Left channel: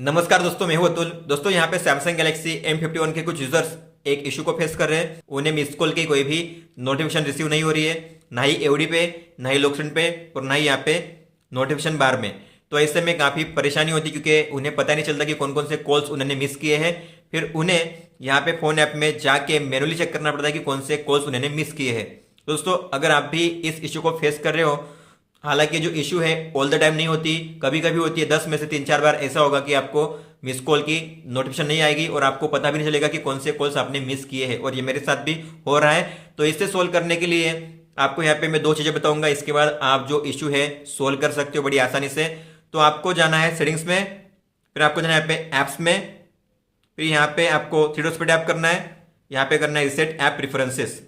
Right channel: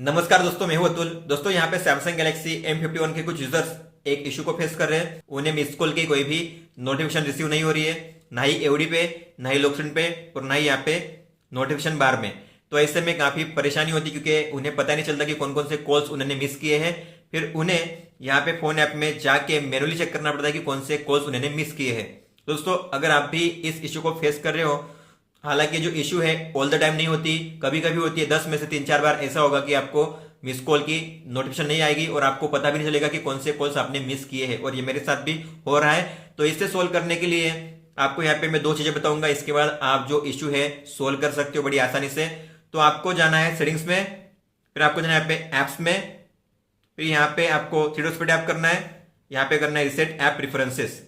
नमस्कार दोस्तों, मैं हूं अतुल। दोस्तों यहाँ पे सैमसंग गैलेक्सी M51 के कुछ यूजर्स एक इशू को फेस कर रहे हैं। उन्हें मिस कॉल की कोई भी नोटिफिकेशन रिसीव नहीं हो रही है, ना ही एवडी पे, ना ही लोकेशन पे और ना ही यहाँ पे नोटिफिकेशन बार में। तो ऐसे में काफी परेशानी होती क्योंकि उन्हें पता नहीं चलता कि कौन कौन से कॉल्स उन्होंने मिस किए हैं। फिर उन्हें यहाँ पे फोन ऐप में जाके मैनुअली चेक करना पड़ता है कि कौन से कॉल्स उन्होंने मिस किए हैं। दोस्तों अगर आप भी इस इशू को फेस कर रहे हो, हालांकि जो इशू है ऑल द टाइम नहीं होती, कभी कभी होती है, 10 में से 3-4 बार ऐसा होगा कि आपको मिस कॉल की नोटिफिकेशन नहीं आएगी और आपको पता भी नहीं चलेगा कि कौन से कॉल्स आपने मिस किए हैं। और ये मेरे साथ भी हो रहा है। तो इससे सोल्व करने के लिए आपको यहाँ पे मैं दो चीजें बताऊंगा, इसके बाद आप जो इशू है सोल्व कर सकते हो बड़ी आसानी से। तो आपको जाना है सेटिंग्स में, फिर आपको जाना है यहाँ पे एप्स में, फिर यहाँ पे आपको थ्री डॉट्स पे टैप करना है, यहाँ पे करना है रिसेट ऐप प्रेफरेंसेस।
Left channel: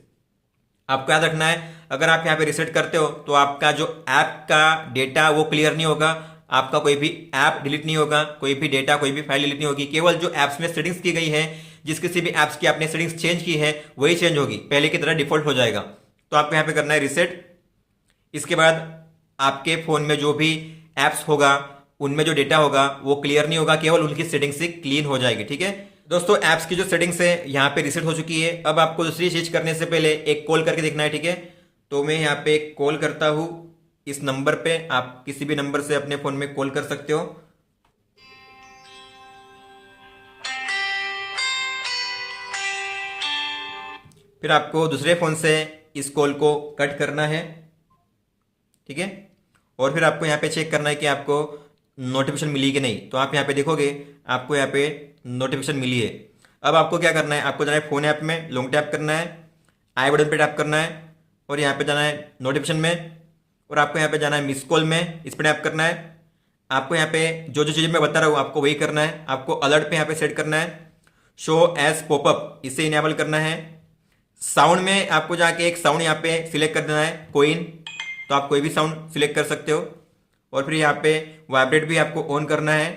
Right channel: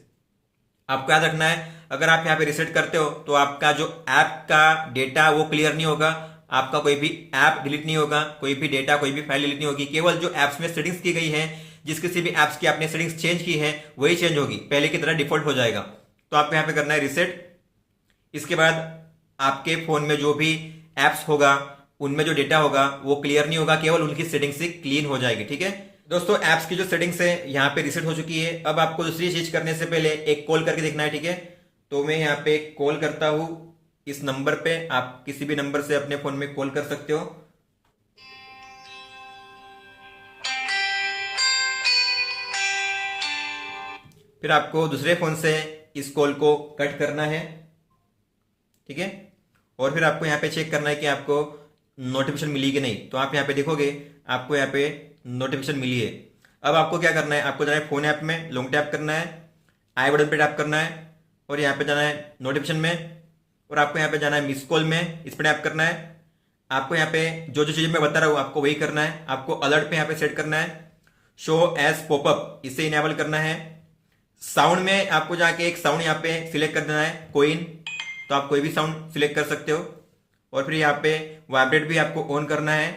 आपको याद रखना है, अगर आप यहाँ पे रिसेट करते हो तो आपका जो ऐप का डेटा वो क्लियर नहीं होगा, आपका कोई भी ऐप डिलीट नहीं होगा, कोई भी डेटा, कोई भी फाइल डिलीट नहीं होगी। केवल जो एप्स में सेटिंग्स की गई है, जिस किसी भी एप्स की आपने सेटिंग्स चेंज की है वही चेंज होगी, पहले की तरह डिफॉल्ट हो जाएगा। तो आपको यहाँ पे करना है रिसेट। इसके बाद आपके फोन में जो भी एप्स होगा उनमें जो डेटा होगा वो क्लियर नहीं होगा, केवल उनकी सेटिंग से क्लीन हो जाएगी। ठीक है दोस्तों, एप्स की जो सेटिंग्स है यहाँ पे रिसेट हो चुकी है। अब आपको दूसरी चीज करने से पहले एक कॉल करके देखना है। ठीक है, तो मैं यहाँ पे कॉल करता हूं इस नंबर पे, आप किसी भी नंबर से अपने फोन में कॉल कर सकते हो। फिर आपको दूसरे फोन से इस कॉल को कट करना है। ठीक है, और फिर आपको यहाँ पे चेक करना है कि आपको नोटिफिकेशन मिली कि नहीं। तो आप यहाँ पे देखोगे आपको यहाँ पे नोटिफिकेशन मिली है। अब आपको क्या करना है, आपको जाना है फोन ऐप में, लॉन्ग टैप करना है, आई बटन पे टैप करना है और यहाँ पे जाना है नोटिफिकेशन में, और आपको यहाँ पे जाना है मिस कॉल में, इस पर टैप करना है। आपको यहाँ पे जो जो चीजें मैं बता रहा हूँ आपको वही करना है। आपको अलर्ट पे यहाँ पे सेट करना है, शो एज पॉपअप, इसे इनेबल करना है। साउंड में आपको जाके एक साउंड यहाँ पे सिलेक्ट कर देना है, कोइन, तो आप कोई भी साउंड सिलेक्ट कर सकते हो। और फिर यहाँ पे वाइब्रेट भी आपको ऑन करना है,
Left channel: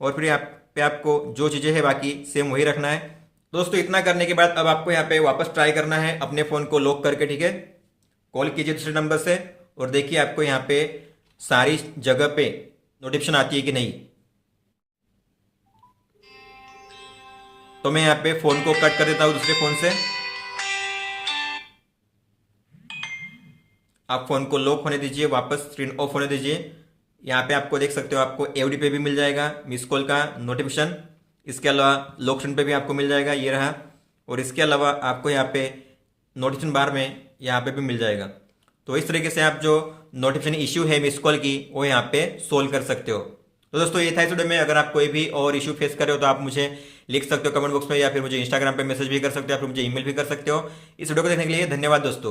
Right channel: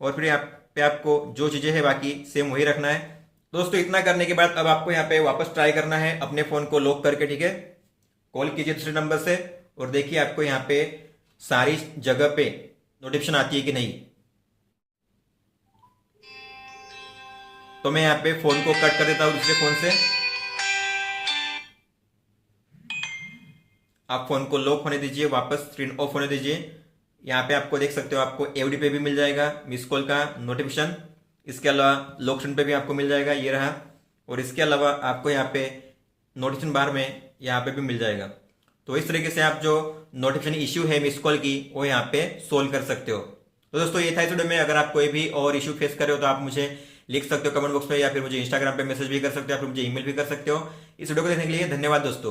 और फिर यहाँ पे आपको जो चीजें हैं बाकी सेम वही रखना है। दोस्तों इतना करने के बाद अब आपको यहाँ पे वापस ट्राई करना है अपने फोन को लॉक करके। ठीक है, कॉल कीजिए दूसरे नंबर से और देखिए आपको यहाँ पे सारी जगह पे नोटिफिकेशन आती है कि नहीं। तो मैं यहाँ पे फोन को कट कर देता हूँ दूसरे फोन से। आप फोन को लॉक होने दीजिए, वापस स्क्रीन ऑफ होने दीजिए। यहाँ पे आपको देख सकते हो, आपको एवडी पे भी मिल जाएगा मिस कॉल का नोटिफिकेशन। इसके अलावा लोकेशन पे भी आपको मिल जाएगा, ये रहा। और इसके अलावा आपको यहाँ पे नोटिफिकेशन बार में यहाँ पे भी मिल जाएगा। तो इस तरीके से आप जो नोटिफिकेशन इश्यू है मिस कॉल की वो यहाँ पे सोल्व कर सकते हो। तो दोस्तों ये था इस वीडियो में। अगर आप कोई भी और इश्यू फेस कर रहे हो तो आप मुझे लिख सकते हो कमेंट बॉक्स में, या फिर मुझे इंस्टाग्राम पे मैसेज भी कर सकते हो, या फिर मुझे ईमेल भी कर सकते हो। इस वीडियो को देखने के लिए धन्यवाद दोस्तों।